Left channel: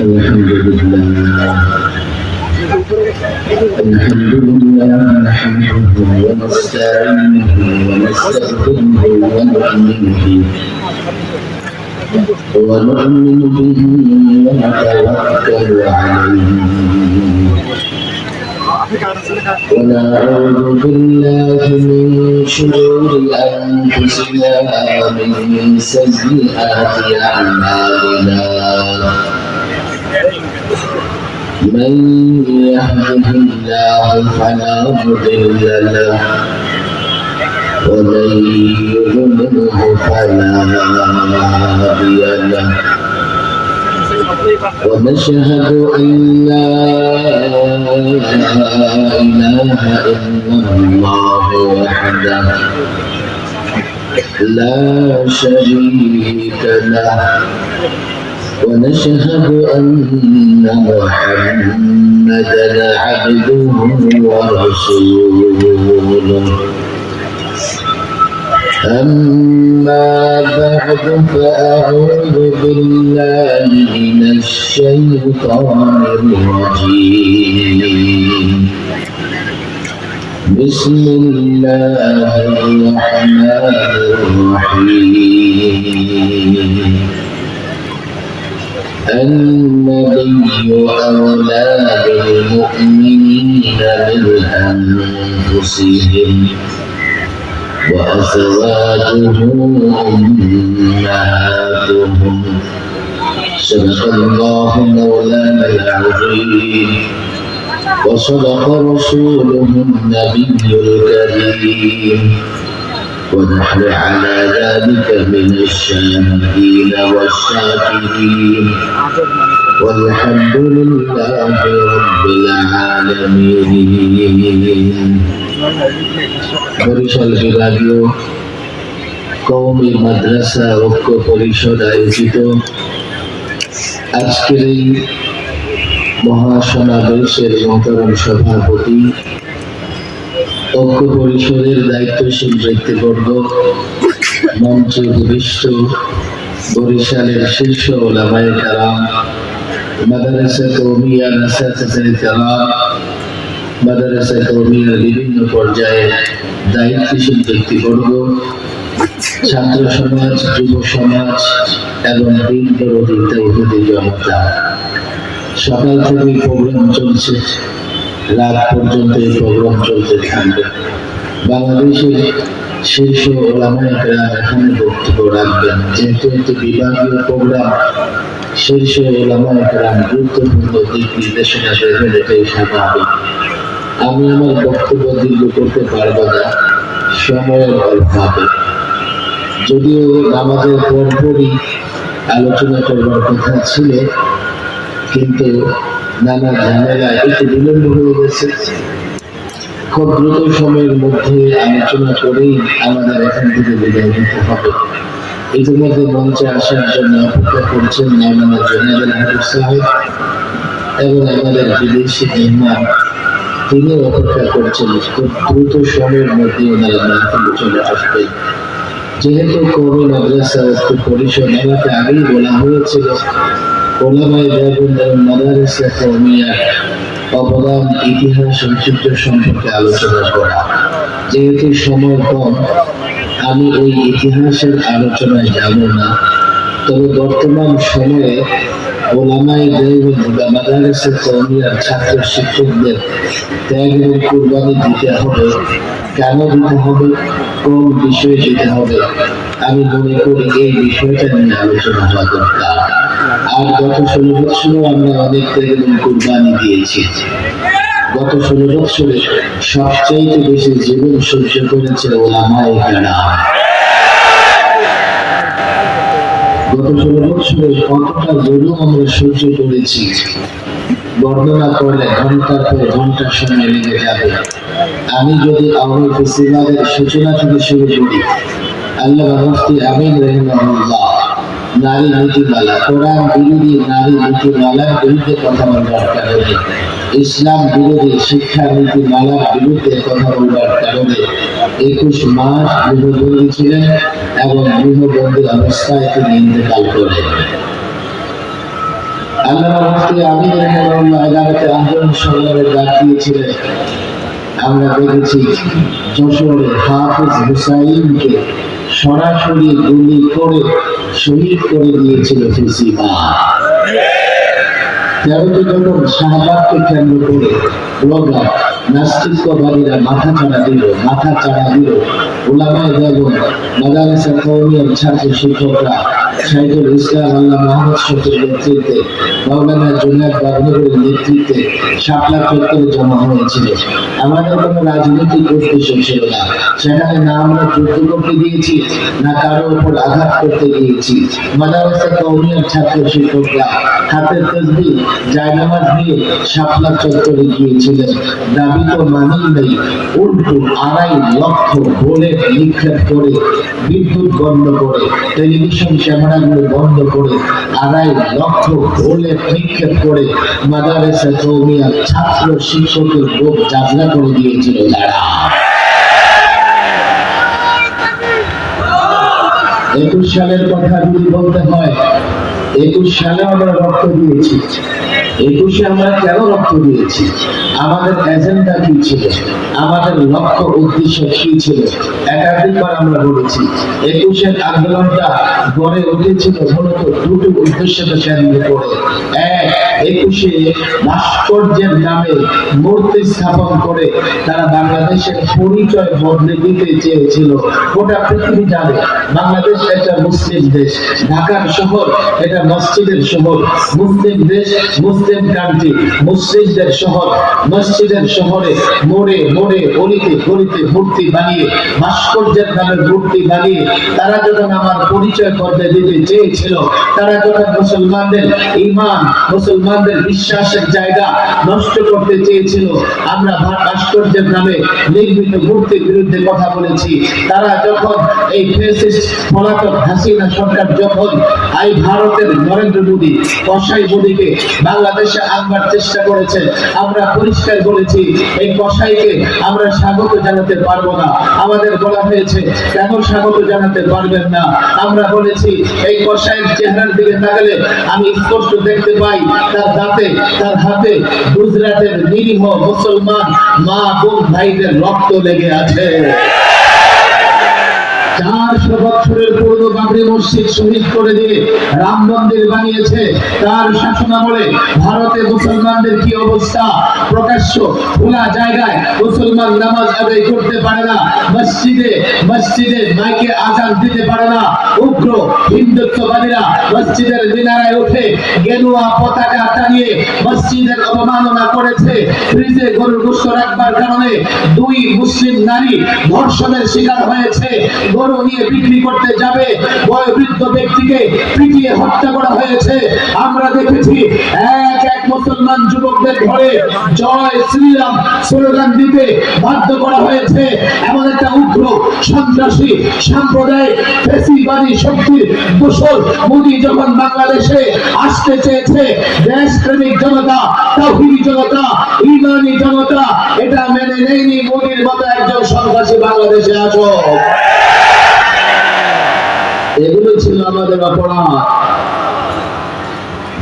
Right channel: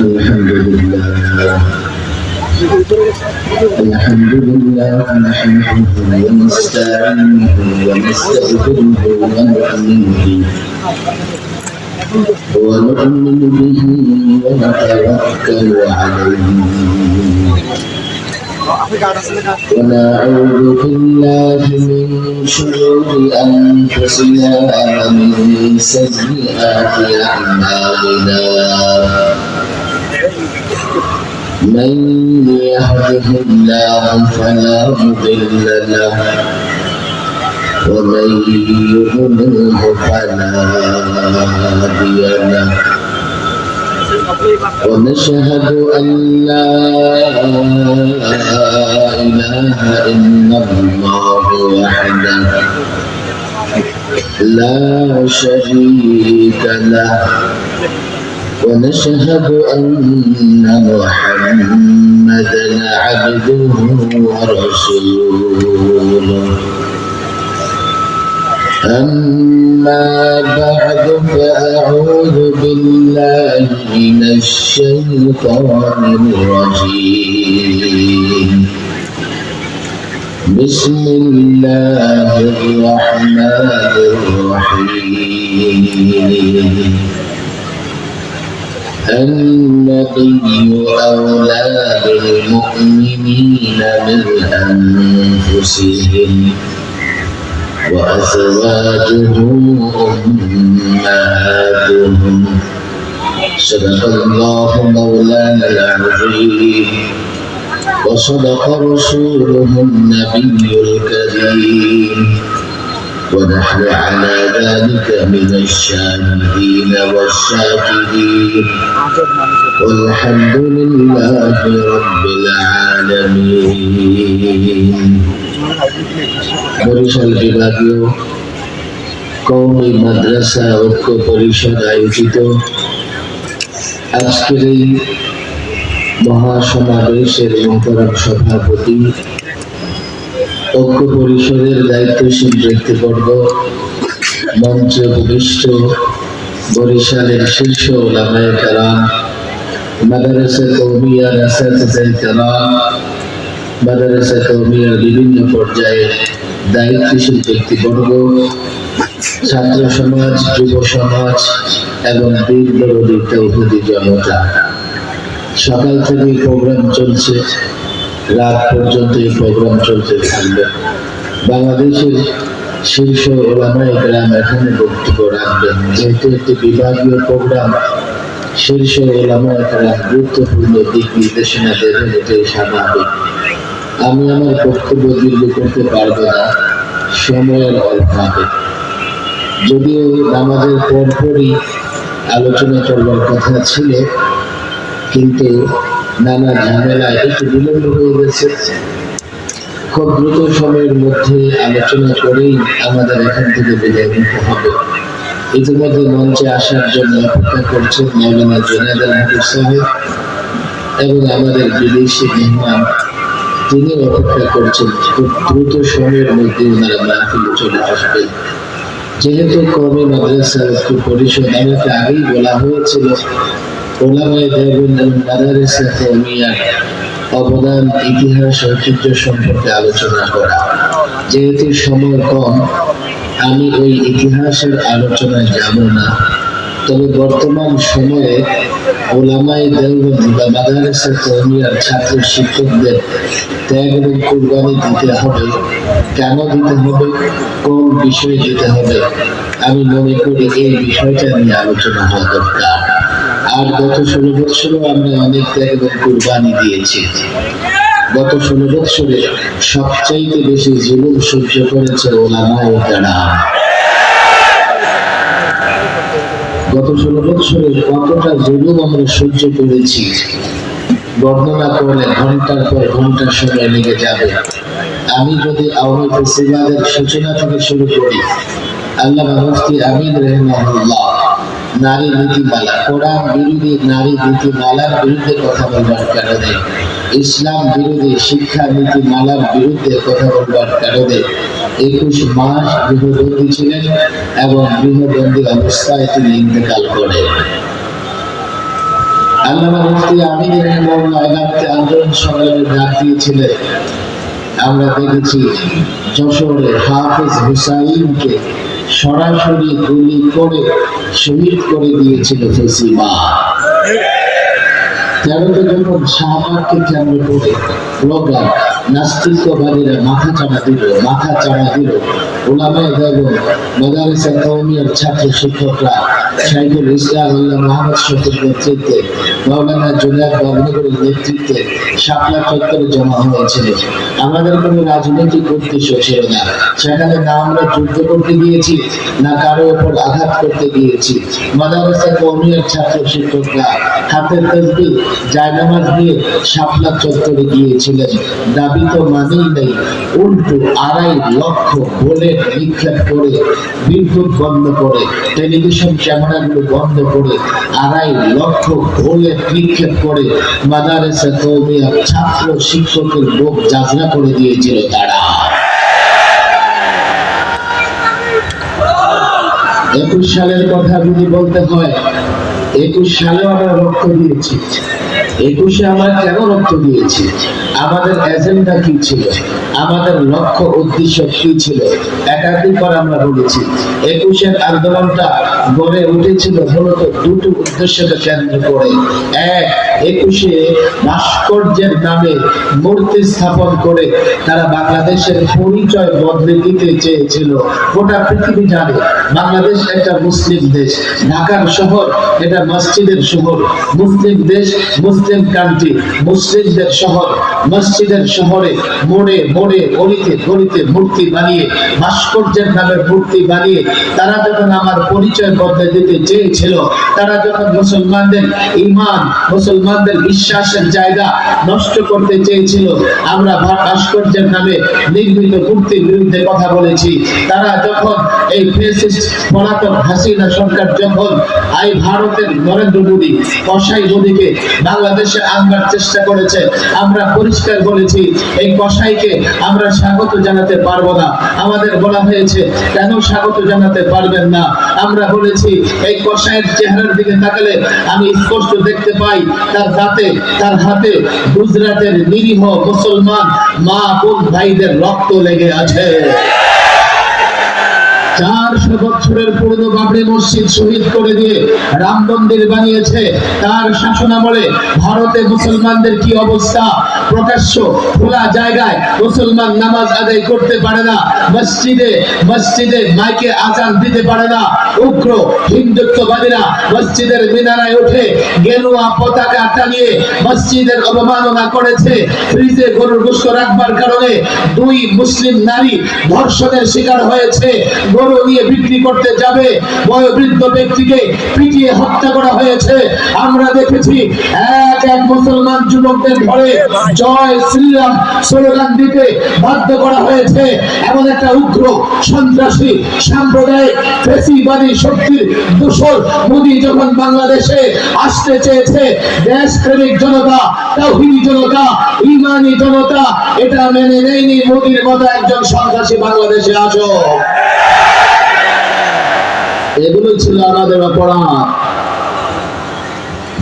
الحمد لله نحمده ونستعينه ونستغفره ونؤمن به ونتوكل عليه ونعوذ بالله من شرور أنفسنا ومن سيئات أعمالنا من يهده الله فلا مضل له ومن يضلله فلا هادي له ونشهد أن لا إله إلا الله وحده لا شريك له ونشهد أن محمدا عبده ورسوله أما بعد فأعوذ بالله من الشيطان الرجيم بسم الله الرحمن الرحيم النبي أولى بالمؤمنين من أنفسهم وأزواجه أمهاتهم صدق الله مولانا العظيم وصدق رسوله النبي الكريم ونحن على ذلك من الشاهدين والشاكرين والحمد لله رب العالمين বরিশাল বিভাগীয় কওমি মাদ্রাসা ঐক্য পরিষদ আয়োজিত আজকের এই মহাসমাবেশের মহতরম সভাপতি ঐক্য পরিষদের দায়িত্বশীল ব্যক্তিবর্গ মঞ্চে উপবিষ্ট বরিশালের শীর্ষ উলামায়ে কেরাম মাদ্রাসা কওমিয়ার আসাতিজায়ে কেরাম মাদ্রাসা কওমিয়ার বিভিন্ন পর্যায়ে দায়িত্বশীল ব্যক্তিবর্গ ছাত্র সমাজ যুব সমাজ এবং দিন বিরোধী তৌহিদি জনতা সকাল থেকে প্রোগ্রাম চলছে রাত পর্যন্ত এই প্রোগ্রাম চলতে থাকবে বাংলাদেশের শীর্ষ উলামায়ে কেরাম এখানে বক্তব্য রাখবেন যেহেতু একটি বিভাগীয় প্রোগ্রাম শীর্ষ উলামায়ে কেরাম গুরুত্বপূর্ণ দিক নির্দেশনা দেবেন এটাই স্বাভাবিক আমি আমার বক্তব্য দীর্ঘ করতে পারবো না সময়ের অভাবে যদিও নামাজের পরপরই আলোচনা করবার কথা ছিল কিন্তু নানা ঝামেলায় একটু বিলম্ব হয়ে গেছে খুব দ্রুত সময়ের মধ্যে আলোচনা করেই আমাদের এখান থেকে বিদায় নিতে হবে ইতিমধ্যে মঞ্চে আসার জন্য অপেক্ষা করছেন মাওলানা জুনায়েদ আল সাহেব এবং আমাদের বিদেশি মেহমান তিনি অপেক্ষা করছেন খুব দ্রুত সময়ের মধ্যে ওনারা মাহফিলে চলে আসবেন যেহেতু কওমি মাদ্রাসা ঐক্য পরিষদ আমাকে আগেই বলা হয়েছিল উলামায়ে দেওবন্দ এবং মাদারিসে কওমিয়ার অবদান ইতিহাস ঐতিহ্য সম্পর্কে আলোচনা করা যেহেতু সময় কম আমি ওই ইতিহাসের আলোচনায় যাব না তবে বর্তমান সময়ে উলামায়ে দেওবন্দ বা মাদারিসে কওমিয়ার ছাত্র শিক্ষকদের ত্যাগ এবং কুরবানি দিতে হবে কেন দিতে হবে কোন বিষয়ে দিতে হবে আমি মনে করি এই বিষয়টা নিয়ে আলোচনা হওয়া দরকার আর গত 16 বছরও আমরা অনেক ত্যাগ এবং কুরবানি দিয়েছি গত 16 বছরে সবচেয়ে বেশি জীবন সহ্য করেছে উলামায়ে কেরাম গত 16 বছরে কতটা জুলুম আমরা সহ্য করেছি বর্ণনা করলে ঘন্টার পর ঘন্টা সময় লেগে যাবে আমি যদি আওয়ামী ফেসিবাদের সূচনা থেকে শুরু করি আল্লামা মুফতি আমিন রাহিমাহুল্লাহ নারী নীতিমালা কোরআন বিরোধী নারী নীতিমালার বিরুদ্ধে কথা বলবার কারণে ইসলাম বিরোধী শিক্ষা নীতিমালার বিরুদ্ধে কথা বলবার কারণে 21 মাস গৃহবন্দী ছিলেন এবং গৃহবন্দী অবস্থায় তিনি ইন্তেকাল করেন। আল্লামা মুফতি আমিন রাহিমাহুল্লাহ 11তে আন্দোলন সংগ্রামের ডাক দিয়েছিলেন। আমরা দেখেছি যশোরে হাফেজ হুসাইনকে সরাসরি গুলি করে শহীদ করে দিয়েছিল ফেসিবাদ। 13তে যখন শাহবাগকে কেন্দ্র করে প্রোগ্রাম নাস্তিকবাদীরা মাথা চাড়া দিল উলামায়ে দেওবন্দ মাদারিসা কওমিয়ার ছাত্র শিক্ষকরা শাইখুল ইসলাম আল্লাহ মোহাম্মদ শফির নেতৃত্বে মাওলানা জুনায়েদ বাগনগরের নেতৃত্বে শাপলা চত্বরে জমা হয়েছিল। আমাদের কোনো রাজনৈতিক উদ্দেশ্য ছিল না। সেখানে না আমরা যুদ্ধ করতে গিয়েছি, না কারো উপর আঘাত করতে গিয়েছি। মাদারিসা কওমিয়ার ছাত্র শিক্ষকরা হাতে তাসবিহ জায়নামাজ নিয়ে শাপলা চত্বরে গিয়েছিলেন। দাবি তো মানেই নেই, উল্টো 2.5 লক্ষ বুলেট নিক্ষেপ করে, বিদ্যুৎ বন্ধ করে, টেলিভিশন ক্যামেরাগুলো বন্ধ করে 2.5 লক্ষ বুলেট নিক্ষেপ করে মাদারিসা কওমিয়া ছাত্র শিক্ষকের বুক জাজলা করে দিয়েছিল তারা। 21 সালের কথা যদি বলতে হয়, 21 সালে আমরা রক্ত দিয়েছি। 21-এ আমরা কেন রক্ত দিয়েছি? আমাদের এজেন্ডা কি ছিল? আমাদের লক্ষ্য উদ্দেশ্য কি ছিল? একাধিকবার আমরা বলেছি 21-এর আন্দোলনটা গড়ে উঠেছিল মূলত দুটো উদ্দেশ্যকে কেন্দ্র করে। এক, 21-এ ভাস্কর্যের নামে মূর্তি স্থাপন করে তারা বাংলাদেশের পরিচয় বদলে দিতে চেয়েছিল। গোটা পৃথিবী জানে বাংলাদেশ একটা মুসলিম দেশ, ঢাকার শহর এটা মসজিদের শহর, মুসলিম দেশ, মুসলিম কান্ট্রি, মুসলিমদের শহর। মসজিদের শহরে মোড়ে মোড়ে গলিতে গলিতে মূর্তি বানিয়ে, ভাস্কর্যের নামে মূর্তি বানিয়ে তারা যখন আমার পরিচয় বদলে দিতে চেয়েছিল, তারা যখন মুসলমানদের ঈমান, মুসলমানদের বিশ্বাসের জায়গা নষ্ট করতে চেয়েছিল, আমরা ভাস্কর্যের নামে নির্মিত মূর্তির বিরুদ্ধে কথা বলেছি। তারা যখন এই ফ্যাসিস্ট পলাতক হাসিনা সরকার যখন এই ভারতের নরেন্দ্র মোদী, কসাই মোদীকে বাংলাদেশে আনবার চেষ্টা করেছে, আমরা পরিষ্কার বলেছি এই কসাইকে আমরা স্বাগত জানাতে পারবো না। আমাদের বলা হয়েছে কেন স্বাগত জানাতে পারবেন না? আমরা বলেছি এই কসাইয়ের চেহারার দিকে তাকালে আমি স্পষ্ট দেখতে পাই তার দাঁতে, তার হাতে গুজরাটের নিরীহ মুসলমান মা বোন ভাইদের রক্ত লেগে আছে। 400 বছরের পুরনো বাবরি মসজিদ শহীদ করে দিয়ে রাম মন্দির বানিয়েছে। তার শাসনামলে ভারতে মুসলমানদের কি অবস্থা? প্রকাশ্য খোলা জায়গায় মুসলমান নামাজ আদায় করতে পারে না, মসজিদে মসজিদে মাইকে আজান দিতে পারে না। উগ্র হিন্দুত্ববাদীরা মসজিদের মিনারায় উঠে গেরুয়া পতাকা টানিয়ে মসজিদের অবমাননা করেছে। ফ্রিজে গরুর গোশত রাখবার কারণে 2 মুসলিম নারী ধর্ষণের শিকার হয়েছে। গরু নিয়ে বিক্রি করতে যাবে বয়োবৃদ্ধ ব্যক্তিকে পিটিয়ে হত্যা করা হয়েছে। আমরা দেখেছি এক মুসলমান যুবকদের ঘরে জয় শ্রীরাম স্লোগান দিতে বাধ্য করা হয়েছে। এমন একটা উগ্র সন্ত্রাসী সাম্প্রদায়িক ফ্যাসিবাদী শক্তির দোসর মোদী যখন বাংলাদেশে আসতে চেয়েছে, দেশপ্রেমিক জনতা, তাওহীদি জনতা, ঈমানি জনতা এটা মেনে নেয়নি। মোদীর মতো একজন সন্ত্রাসী বাংলাদেশে আসুক। এগুলো ছিল আমাদের অপরাধ,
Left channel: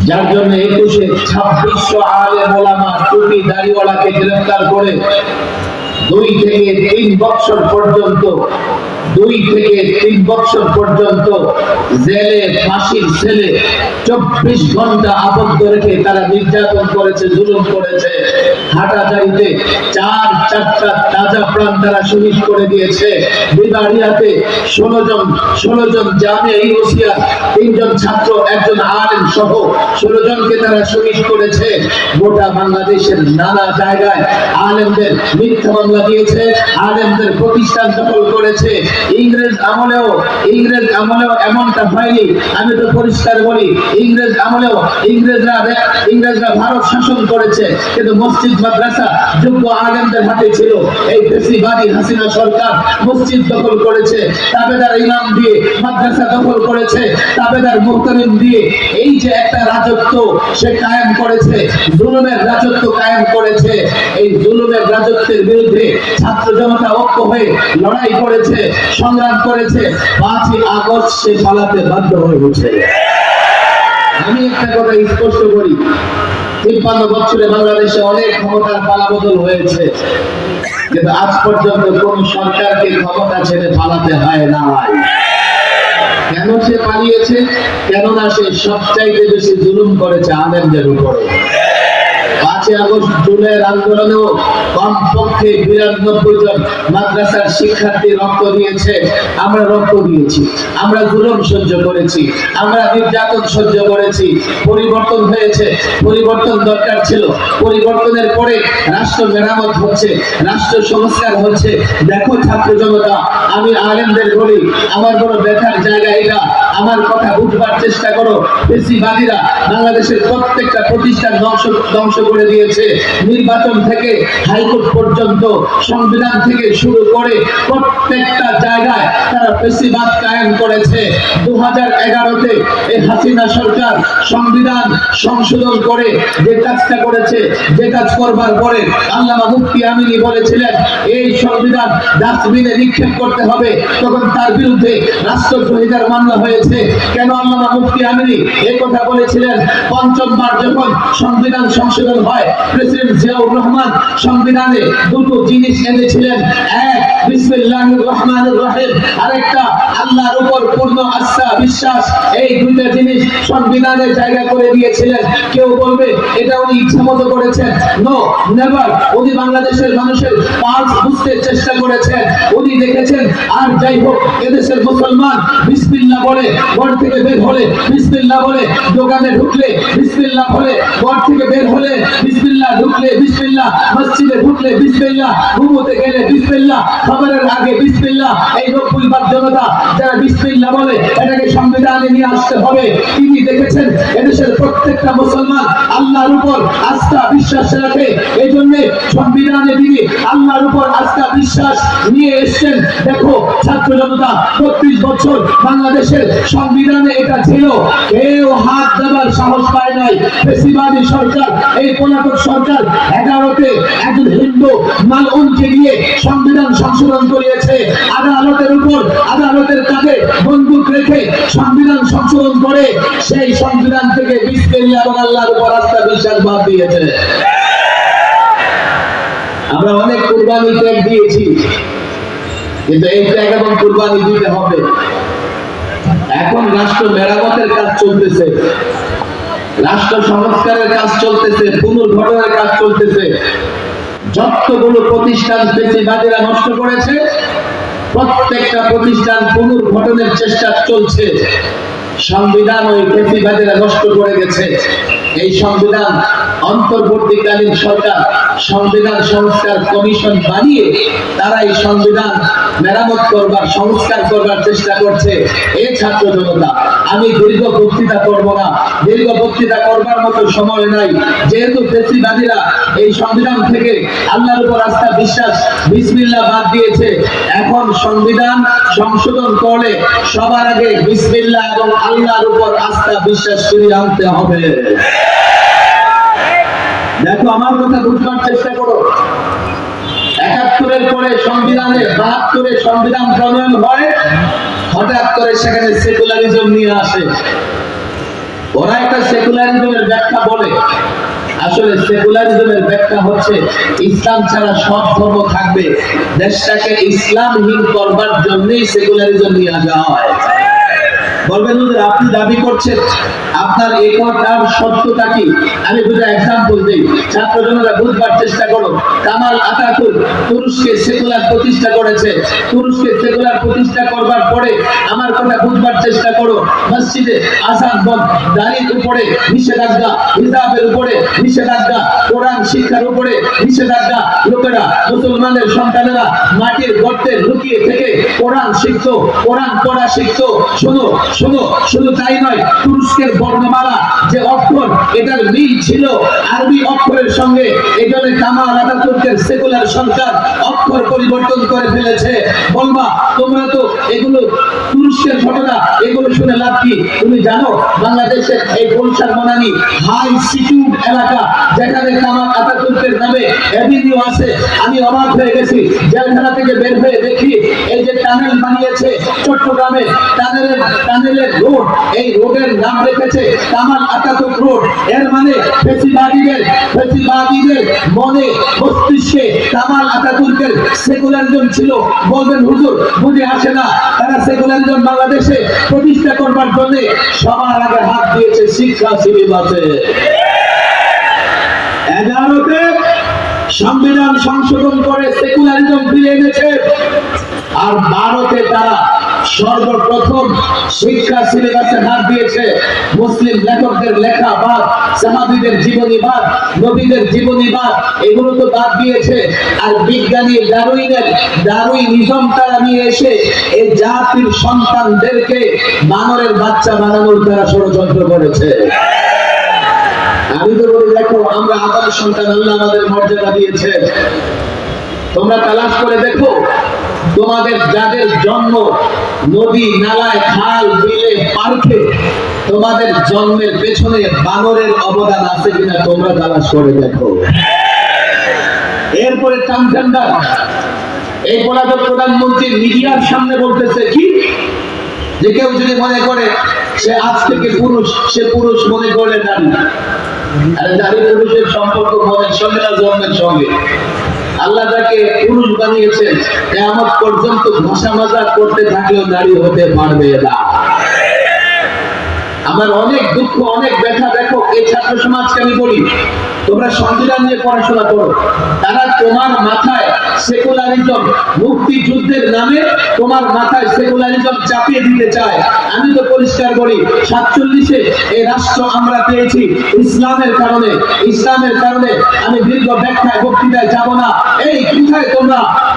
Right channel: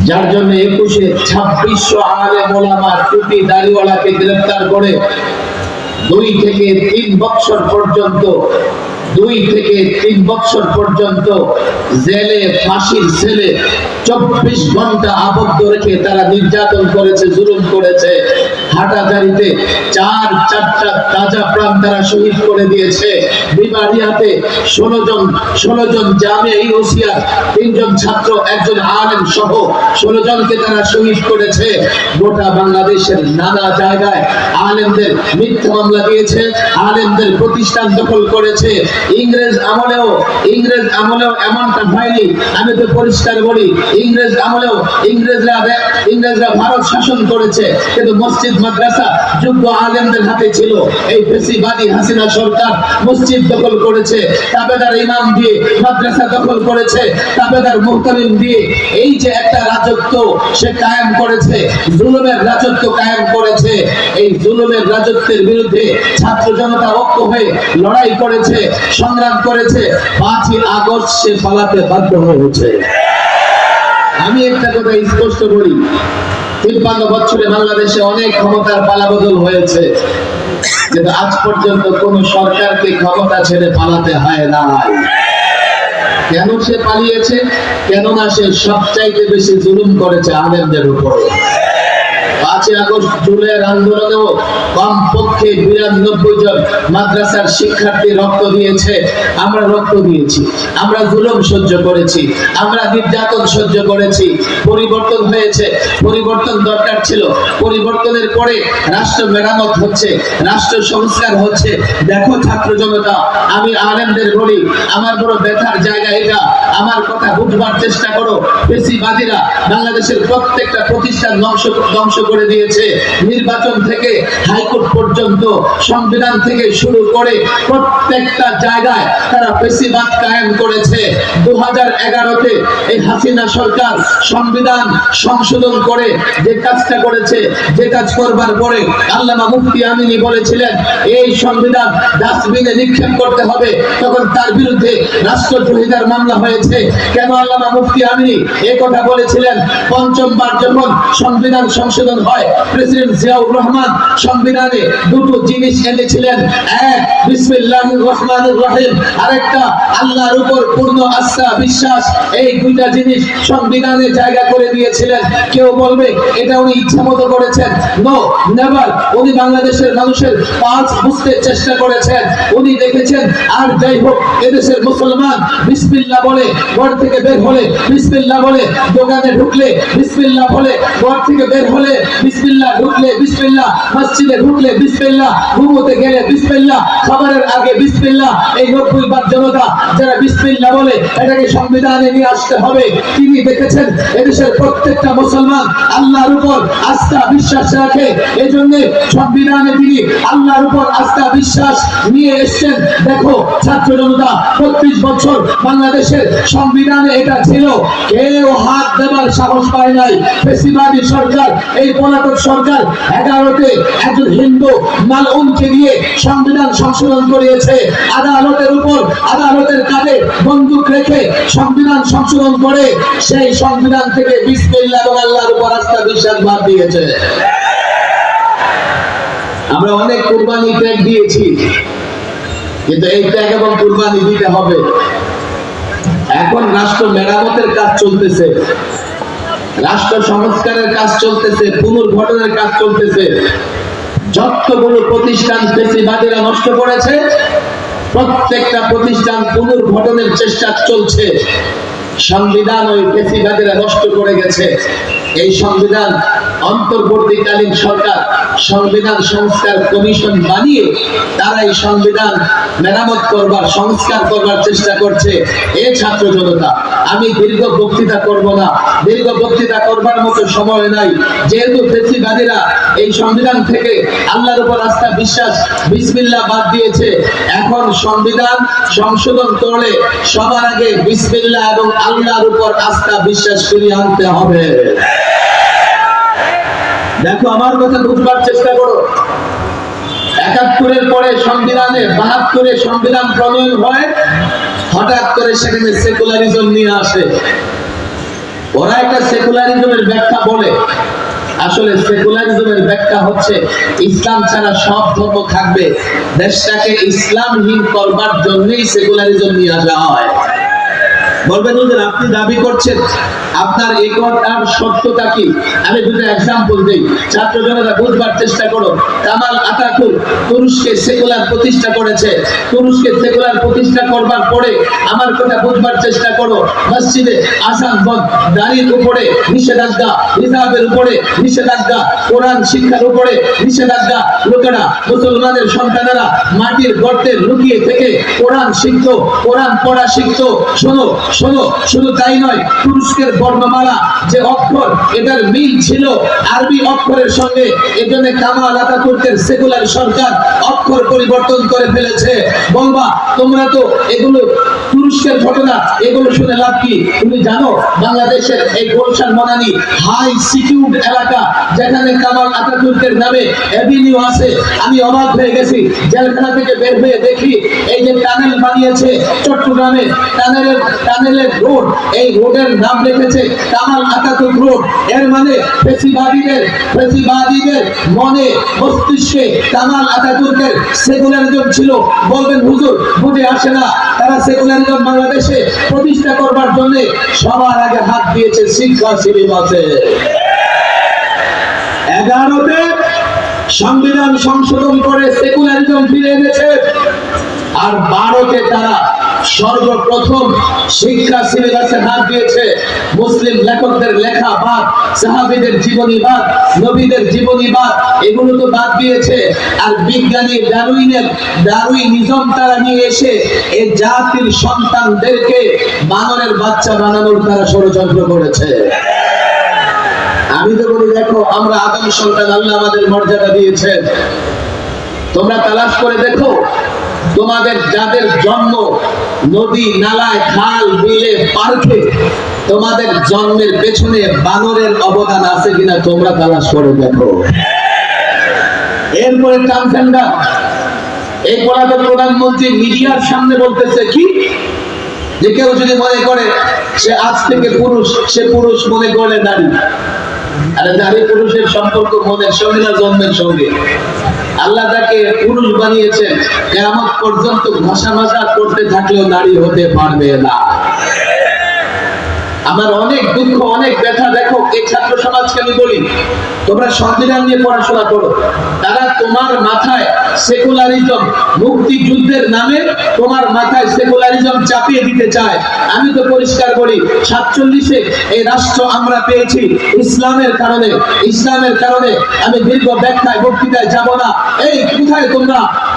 যার জন্য 21-এ 2600 আলেম ওলামা টুপি দাড়িওয়ালাকে গ্রেফতার করে 2 থেকে 3 বছর পর্যন্ত 2 থেকে 3 বছর পর্যন্ত জেলে, ফাঁসির সেলে 24 ঘন্টা আবদ্ধ রেখে তারা নির্যাতন করেছে, জুলুম করেছে। হাটাজারিতে 4টা তাজা প্রাণ তারা শহীদ করে দিয়েছে। বিবাড়িয়াতে 16 জন জামিয়া ইউসিয়া, 3 জন ছাত্র, 1 জন আলেম সহ 16 জনকে তারা শহীদ করেছে। গোটা বাংলাদেশের নানা জায়গায় আলেমদের মিথ্যা মামলা দিয়েছে, আলেমদের প্রতিষ্ঠান দখল করেছে। ইংরেজ আমলেও এমনটা হয়নি। আমি তো পরিষ্কার বলি, ইংরেজ আমলেও ইংরেজরা ভারত শাসন করেছে, কিন্তু মসজিদ মাদ্রাসা যোগ্য আলেমদের হাতে ছিল। এই ফ্যাসিবাদী হাসিনা সরকার মসজিদ দখল করেছে, তাবেদার ইমাম দিয়ে মাদ্রাসা দখল করেছে, তাবেদার মুহতামিম দিয়ে এই যে একটা রাজত্ব সে কায়েম করেছে, জুলুমের রাজত্ব কায়েম করেছে। এই জুলুমের রাজত্বের বিরুদ্ধে ছাত্র জনতা ঐক্য হয়ে লড়াই করেছে, সংগ্রাম করেছে। 5ই আগস্ট সে পালাতে বাধ্য হয়েছে। আমি একটা কথা স্পষ্ট করি, 53 বছরে বাংলাদেশে অনেক ক্ষমতার পালাবদল হয়েছে, কিন্তু আজ পর্যন্ত কোন সরকারকে ক্ষমতা ছেড়ে পালাতে হয় নাই। কেন সে পালিয়েছে? কেননা সে সবচাইতে বেশি জুলুম করেছে আলেমদের উপরে। 5 আগস্ট জুলাইয়ের আন্দোলনেও কমপক্ষে 92 জন মাদ্রাসার শিক্ষার্থী রক্ত দিয়েছে। আমরা রক্ত দিয়েছি, আমরা জুলুম সহ্য করেছি, আমরা নির্যাতন সহ্য করেছি। পরিবর্তন হয়েছে, পরিবর্তন দরকার ছিল। পরিবর্তনের পরে রাষ্ট্র মেরামত হচ্ছে, রাষ্ট্র সংস্কার হচ্ছে। দেখো ছাত্র জনতা, আমি আলেমদের বলি, আমার বড় ব্যথার জায়গা এটা। আমার কথা বুঝবার চেষ্টা করো। ফেসিবাদীরা বাংলাদেশের প্রত্যেকটা প্রতিষ্ঠান ধ্বংস করে দিয়েছে। নির্বাচন থেকে হাইকোর্ট পর্যন্ত, সংবিধান থেকে শুরু করে প্রত্যেকটা জায়গায় তারা ফেসিবাদ কায়েম করেছে। 2011-তে এই হাসিনা সরকার সংবিধান সংশোধন করে যে কাজটা করেছে, যে কাজ করবার পরে আল্লামা মুফতি আমিনী বলেছিলেন এই সংবিধান ডাস্টবিনে নিক্ষেপ করতে হবে, তখন তার বিরুদ্ধে রাষ্ট্রদ্রোহিতার মামলা হয়েছে। কেন আল্লামা মুফতি আমিনী এই কথা বলেছিলেন? পঞ্চমবার যখন সংবিধান সংশোধন হয়, প্রেসিডেন্ট জিয়াউর রহমান সংবিধানে দুটো জিনিস এনেছিলেন, এক বিসমিল্লাহির রহমানির রহিম, আরেকটা আল্লাহর উপর পূর্ণ আস্থা বিশ্বাস। এই দুইটা জিনিস সংবিধানে জায়গা করে দিয়েছিলেন। কেউ বলবে এটা উনি ইচ্ছামতো করেছেন? No, never. উনি বাংলাদেশের মানুষের পালস বুঝতে চেষ্টা করেছেন। উনি দেখেছেন আর যাই হোক এদেশের মুসলমান বিসমিল্লাহ বলে ঘর থেকে বের হলে, বিসমিল্লাহ বলে দোকানে ঢুকলে, বিসমিল্লাহ বলে ঘর থেকে বের হলে, বিসমিল্লাহ ঢুকলে বিসমিল্লাহ, মসজিদে ঢুকলে বিসমিল্লাহ, ঘুমোতে গেলে বিসমিল্লাহ, খাবারের আগে বিসমিল্লাহ। এই 90 ভাগ জনতা যারা বিসমিল্লাহ বলে এটাকে সংবিধানে নিয়ে আসতে হবে। তিনি দেখেছেন এদেশের প্রত্যেকটা মুসলমান আল্লাহর উপর আস্থা বিশ্বাস রাখে, এজন্য সংবিধানে তিনি আল্লাহর উপর আস্থা বিশ্বাস নিয়ে এসেছেন। দেখো ছাত্র জনতা, 32 বছর বাংলাদেশের সংবিধানে এটা ছিল, কেউ হাত দেবার সাহস পায় নাই। ফেসিবাদী সরকার, এই পলাতক সরকার 11-তে একজন হিন্দু মালউনকে দিয়ে সংবিধান সংশোধন করিয়েছে। আদালতের উপর, আদালতের কাঁধে বন্দুক রেখে সংবিধান সংশোধন করে সেই সংবিধান থেকে বিসমিল্লাহ এবং আল্লাহর উপর আস্থা বিশ্বাস বাদ দিয়েছে। আমরা অনেক কুরবানি ত্যাগ দিয়েছি, কিন্তু এই ত্যাগ এবং কুরবানি দিতে হবে। এখন রাষ্ট্র মেরামতের কাজ চলতেছে, রাষ্ট্র সংস্কারের কাজ চলতেছে, পুনর্গঠনের কাজ চলতেছে। যতগুলো প্রতিষ্ঠান ফেসিবাদীরা নষ্ট করেছে, প্রত্যেকটা প্রতিষ্ঠান পুনর্গঠনের চেষ্টা চলছে। সংবিধান ওই ফেসিবাদীরা নষ্ট করে গেছে। এই সংবিধান অন্তর্বর্তীকালীন সরকার সংবিধান সংস্কার কমিশন বানিয়ে তারা এই সংবিধান মেরামত করবার, সংস্কার করবার চেষ্টা করছে। এই ছাত্র জনতা, আমি দীর্ঘ বক্তৃতা করব না, দীর্ঘ বক্তৃতা করবার মতো সময় নাই। যেহেতু ফেসিবাদীরা এই সংবিধান থেকে আল্লাহর উপর আস্থা বিশ্বাস বিসমিল্লাহ বাদ দিয়েছে, এখন সংবিধান সংশোধন করলে সবার আগে বিসমিল্লাহ এবং আল্লাহর উপর আস্থা বিশ্বাস ফিরিয়ে আনতে হবে। দেখো, আমার কথা বুঝবার চেষ্টা করো। 71-এর পরে সংবিধানে 72-এ সংবিধান প্রণয়ন হয়, হঠাৎ করে সেখানে সেকুলারিজম নিয়ে আসে। ওরা একটা সেকুলারিজমের ব্যাখ্যা বলে, আসলে সেকুলারিজমের ব্যাখ্যা হচ্ছে ইসলাম ছাড়া সব ধর্ম থাকবে, দেশটাকে ইসলামহীন করবার জন্যই সেকুলারিজম নিয়ে আসা হয়। বলবেন হুজুর আপনি দাবি করছেন, আপনার এই কথার সত্যতা কি? আমি দুটো एग्जांपल দেই, ছাত্র জনতা বুঝবার চেষ্টা করো। কামাল আতাতুর্ক তুরস্কে সেকুলার প্রতিষ্ঠা করেছে। তুরস্কে সেকুলার প্রতিষ্ঠা করবার পরে আমার কথা বুঝবার চেষ্টা করো, মসজিদে আযান বন্ধ, দাড়ির উপরে নিষেধাজ্ঞা, হিজাবের উপরে নিষেধাজ্ঞা, কোরআন শিক্ষার উপরে নিষেধাজ্ঞা। লোকেরা, মুসলমানের সন্তানেরা মাটির গর্তে লুকিয়ে থেকে কোরআন শিখতো, কোরআন পড়া শিখতো। শোনো শোনো, শুধু তাই নয়, তুরস্কের বর্ণমালা যে অক্ষর, এটার মিল ছিল আরবি অক্ষরের সঙ্গে। এজন্য কামাল আতাতুর্কের সেকুলার সরকার অক্ষর পরিবর্তন করে ফেলেছে। বলবা তোমরা তো এগুলো তুরস্কের ঘটনা, এগুলো শুনে লাভ কি? তুমি জানো বাংলাদেশের এই গুলশান বনানী হাই সিকিউরড এলাকা, যেখানে কামাল আতাতুর্কের নামে এভিনিউ আছে। আমি অবাক হয়ে গেছি, জেলখানা থেকে বের হয়ে দেখি এই যে টানেল বানিয়েছে চট্টগ্রামে, টানেলের টানেলের রোড, এই রোডের নাম রেখেছে কামাল আতাতুর্ক রোড। এর মানে ফেসিবাদীদের মনে মস্তিষ্কে কামাল আতাতুর্কের সেকুলারিজম ছিল। বলবেন হুজুর বুঝে আসে না, তারা সেকুলারিজম বাংলাদেশে প্রতিষ্ঠা করবার জন্য সবার আগে হাত দিয়েছে শিক্ষা শিবিরে। 11তে সংবিধান সংশোধন করে সেকুলারিজম ফিরে এনেছে, আর 12তে তারা সর্বপ্রথম শিক্ষা সিলেবাসে হাত দিয়েছে মুসলিম লেখকদের লেখা বাদ, সাহাবীদের জীবনীবাদ, নবীদের জীবনীবাদ, এগুলো তো বাদ দিয়েছে। আর বিজ্ঞানী ডারউইনিজম তারা নিয়ে এসে এই জাতির সন্তানদেরকে বানরের বাচ্চা বানানোর তারা ষড়যন্ত্র করেছে। আমি তো বলি দেখো, আমরা আদম সন্তান, আল্লাহ আমাদের মর্যাদা দিয়েছে। তোমরা তালাশ করে দেখো, তোমাদের যাদের জন্ম নদী নালায় খাল বিলে পার্কে, তোমাদের জন্মের পেছনে বানরের অবদান আছে কিনা তোমরা তালাশ করে দেখো। এরপরে ট্রান্সজেন্ডার, এই পলাতক প্রধানমন্ত্রী মিডিয়ার সামনে বলতেছে কি, যে কেউ যদি মনে করে সে আজ থেকে পুরুষ, সে পুরুষ মনে করে নারী। আরে নারী পুরুষের সম্পর্ক মনের সঙ্গে না জন্মের সঙ্গে। আল্লাহ তাকে পুরুষ বানিয়েছেন, কিয়ামত পর্যন্ত ভাষা মাজা করতে থাকলেও নারী হতে পারবে না। আমার অনেক দুঃখ, অনেক ব্যথা। দেখো, এই ছাত্র সমাজকে আমি বলি, তোমরা সংবিধান নিয়ে পড়াশোনা করো, তারা তোমার মাথায় সেকুলারিজম, মুক্তিযুদ্ধের নামে তোমার মাথায় সেকুলারিজম চাপিয়ে দিতে চায়। আমি তো পরিষ্কার বলি, 47-এ এই রাষ্ট্র আমরা পেয়েছি ইসলামের কারণে। ইসলামের কারণে আমি দীর্ঘ ব্যাখ্যায় বক্তৃতায় যাব না। এই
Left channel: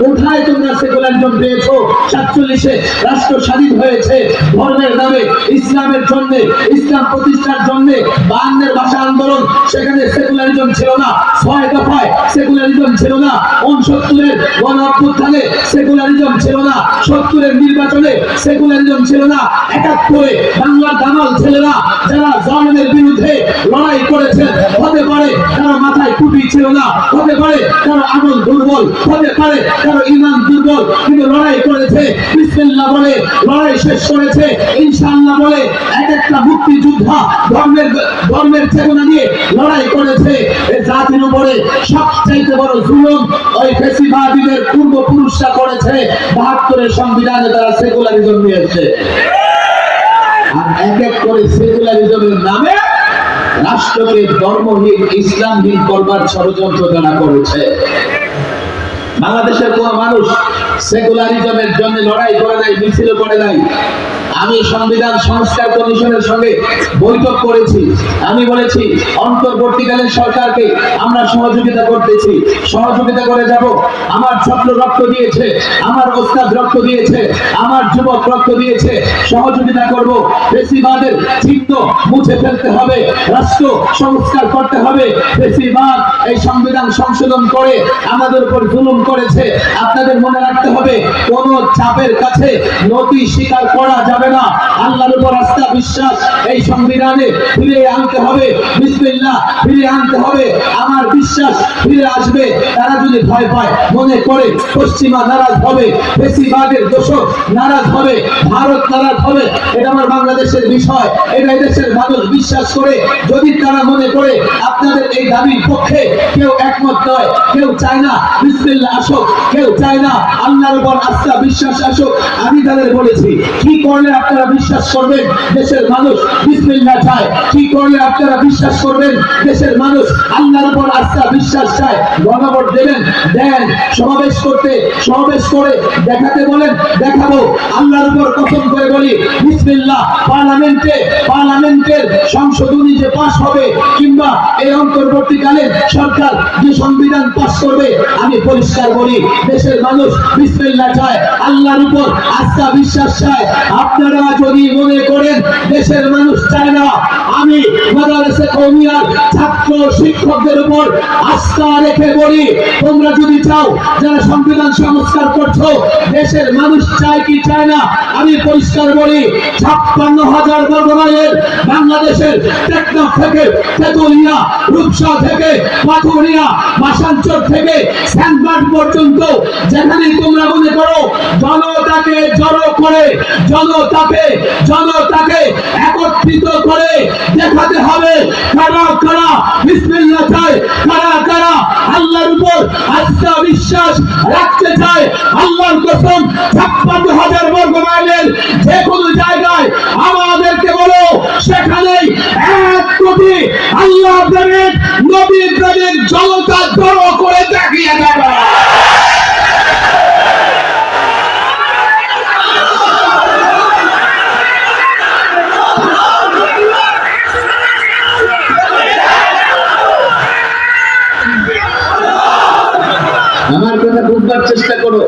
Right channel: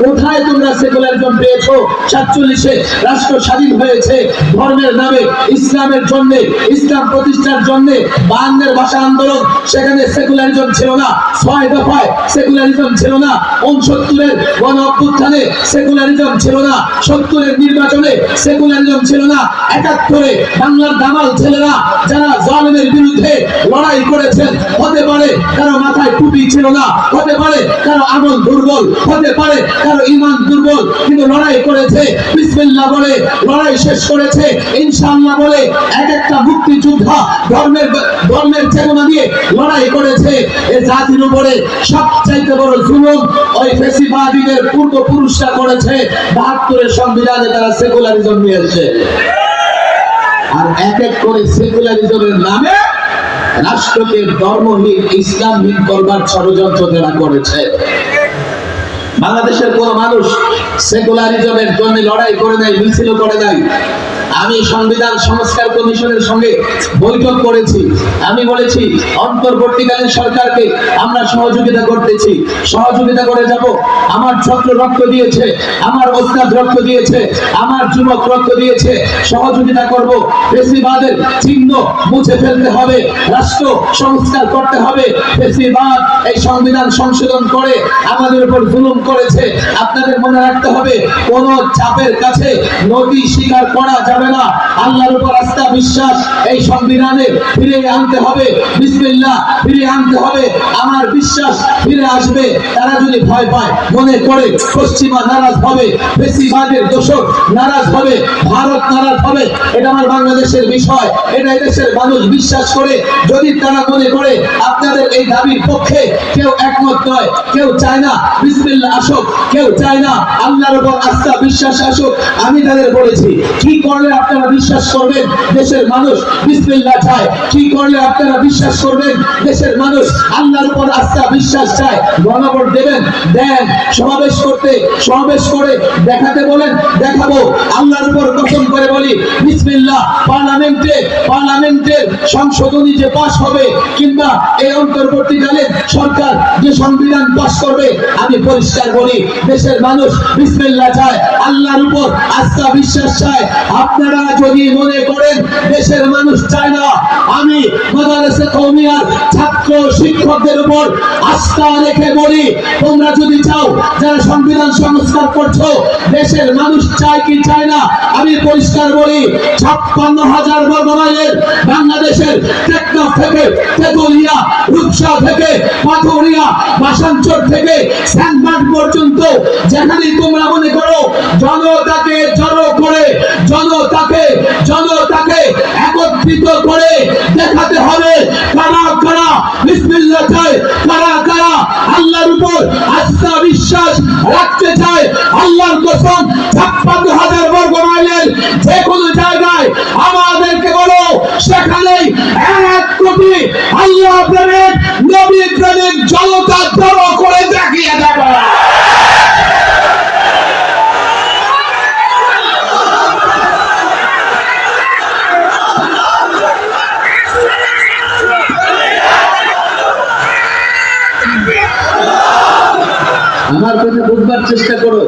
কোথায় তোমরা সেকুলারিজম পেয়েছো? 47-এ রাষ্ট্র স্বাধীন হয়েছে ধর্মের নামে, ইসলামের জন্য, ইসলাম প্রতিষ্ঠার জন্য। 52-এর ভাষা আন্দোলন, সেখানে সেকুলারিজম ছিল না। 6 দফায় সেকুলারিজম ছিল না। 69-এর গণ অভ্যুত্থানে সেকুলারিজম ছিল না। 70-এর নির্বাচনে সেকুলারিজম ছিল না। 71-এ বাংলার দামাল ছেলেরা যারা জালেমের বিরুদ্ধে লড়াই করেছেন, হতে পারে কারো মাথায় টুপি ছিল না, হতে পারে কারো আমল দুর্বল, হতে পারে কারো ঈমান দুর্বল, কিন্তু লড়াই করেছে, বিসমিল্লাহ বলে লড়াই শেষ করেছে, ইনশাআল্লাহ বলে এক একটা মুক্তিযোদ্ধা ধর্মের চেতনা নিয়ে লড়াই করেছে। এই জাতির উপরে সবচাইতে বড় জুলুম ওই ফ্যাসিবাদীদের পূর্বপুরুষরা করেছে। 72-এর সংবিধানে তারা সেকুলারিজম নিয়েছে, আর এক এক করে সেকুলারিজমের নামে রাষ্ট্রকে ধর্মহীন, ইসলামহীন করবার ষড়যন্ত্র তারা করেছে। বাংলাদেশের কোন মানুষ সেকুলারিজমের জন্য লড়াই করে নাই, মিছিল করে নাই। আমি সংবিধান সংস্কার কমিশনের সঙ্গে বৈঠক করেছি। আমি বলেছি অন্তর্বর্তীকালীন সরকারকে আমরা সহযোগিতা করতেছি, সহযোগিতা করে যাব। আমার ছাত্র রক্ত দিয়েছে, আমার ওস্তাদ রক্ত দিয়েছে, আমার যুবক রক্ত দিয়েছে, সহযোগিতা করব। ফ্যাসিবাদের চিহ্ন মুছে ফেলতে হবে, রাষ্ট্র সংস্কার করতে হবে। ফ্যাসিবাদ এই সংবিধান সংশোধন করে আমাদের উপর জুলুম করেছে। আপনাদের মনে রাখতে হবে, কোন চাপের কাছে নদী স্বীকার করা যাবে না। আল্লাহর উপর আস্থা বিশ্বাস এই সংবিধানে ফিরিয়ে আনতে হবে। বিসমিল্লাহ ফিরিয়ে আনতে হবে। আমার বিশ্বাস ফিরে আসবে। তারা যদি ভয় পায়, মনে করে পশ্চিমা নারাজ হবে, ফ্যাসিবাদের দোষক নারাজ হবে, ভারত নারাজ হবে, এটা আমার বাংলাদেশের বিষয়, এটা এদেশের মানুষ বিশ্বাস করে। যদি তারা মনে করে আপনাদের এই দাবির পক্ষে কেউ একমত নয়, কেউ চায় না বিসমিল্লাহ আসুক, কেউ চায় না আল্লাহর উপর আস্থা বিশ্বাস আসুক, আমি তাদের বলেছি কি করলে আপনারা বিশ্বাস করবেন দেশের মানুষ বিসমিল্লাহ চায়, কি করলে আপনারা বিশ্বাস করবেন দেশের মানুষ আল্লাহর উপর আস্থা বিশ্বাস চায়। গণভোট দেবেন, দেন। সমাবেশ করে দেখাতে বলেন, দেখাবো। আল্লাহর উপর কসম করে বলি বিসমিল্লাহ। পার্লামেন্টের সংশোধনী যে পাস হবে, কিংবা এই অন্তর্বর্তীকালীন সরকার যে সংবিধান পাস করবে, আমি পরিষ্কার বলি দেশের মানুষ বিসমিল্লাহ চায়, আল্লাহর উপর আস্থা বিশ্বাস চায়। আপনারা যদি মনে করেন দেশের মানুষ চায় না, আমি মাদ্রাসা কওমিয়ার ছাত্র শিক্ষকদের উপর আস্থা রেখে বলি, তোমরা যদি চাও, যারা সংবিধান সংস্কার করছো, দেশের মানুষ চায় কি চায় না, আমি পরিষ্কার বলি 56,000 বর্গ মাইলের বাংলাদেশের টেকনাফ থেকে তেতুলিয়া, রূপসা থেকে পাথুরিয়া, মাসাঞ্চর থেকে স্যান্ডবার্গ পর্যন্ত যেখানে তোমরা মনে করো জনতাকে জড়ো করে জনতাকে একত্রিত করে দেখাতে হবে কারা কারা বিসমিল্লাহ চায়, কারা কারা আল্লাহর উপর আস্থা বিশ্বাস রাখতে চায়। আল্লাহর কসম 56,000 বর্গ মাইলের যে কোনো জায়গায় আমাদেরকে বলো, সেখানেই 1 কোটি আল্লাহ প্রেমিক নবী প্রেমিক জনতা জড়ো করে দেখিয়ে দেবে। আমার কথা বুঝবার চেষ্টা করো,